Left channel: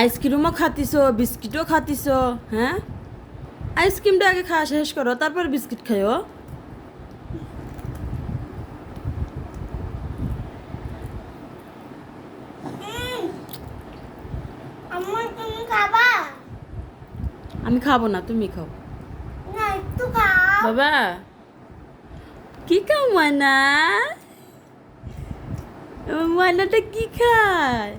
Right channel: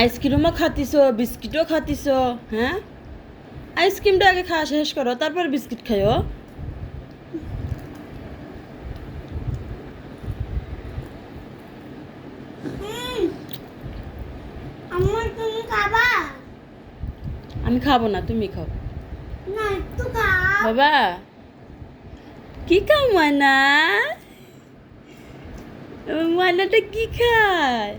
আইসক্রিমও খাতিস, বিস্কিটও খাতিস। হ্যাঁ, আইসক্রিমটা আগে খাওয়া শেষ করো, তারপর বিস্কিট খাইও। আম্মা তুমি খাবা? আমি খাবো না, তুমি খাও। না একটু খাও। বাবা কি খাও ময়না? ময়নাটা কি খায়?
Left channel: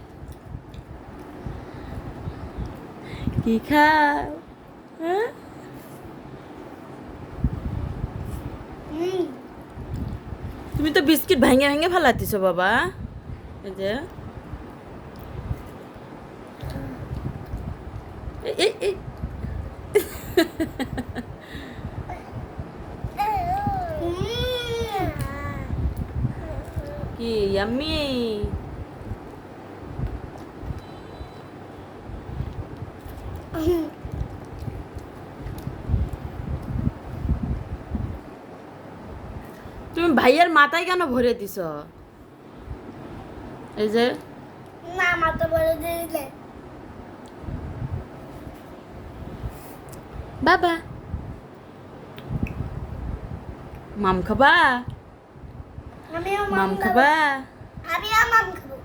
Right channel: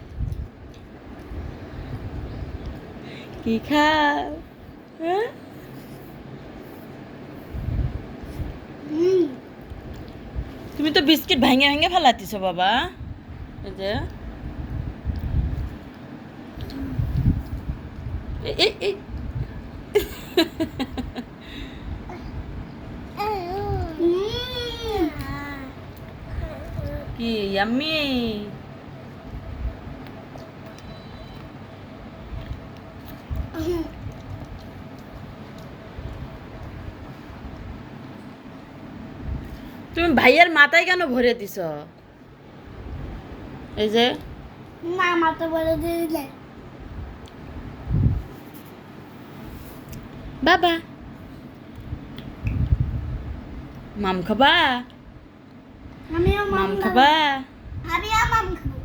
কি খাও? হ্যাঁ, তুমি তো বিস্কিট ভেঙে ভেঙে ফেলাতিস বাবা। এই যে এই কি ইয়াম্মি। তুমি ভাইয়ের মাথায় কেন ভরে দিছ? এই যে না মাথা বলে দিলে। বাবা মাম খাবা? আমিও মাম খাবা? আমিও মাম খাবো।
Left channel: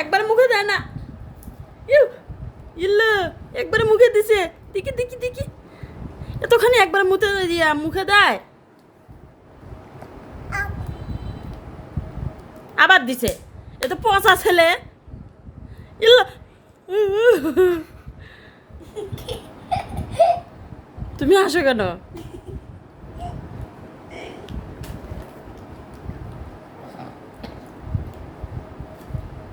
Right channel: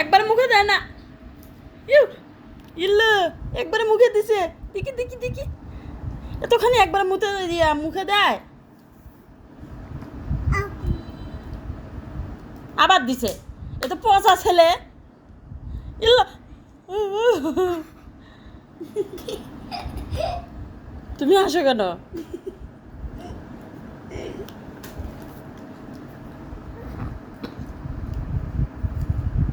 একবার মুখে দেয় না। ইউ ইল্লু একবার মুখে দিছে। দেখি দেখি দেখি, এতখানি একবার মুখে দিয়া মুখে দেয়, আবার দিছে। এ তো পচা ছেলে। ইল্লু তুমি হাসো কেন?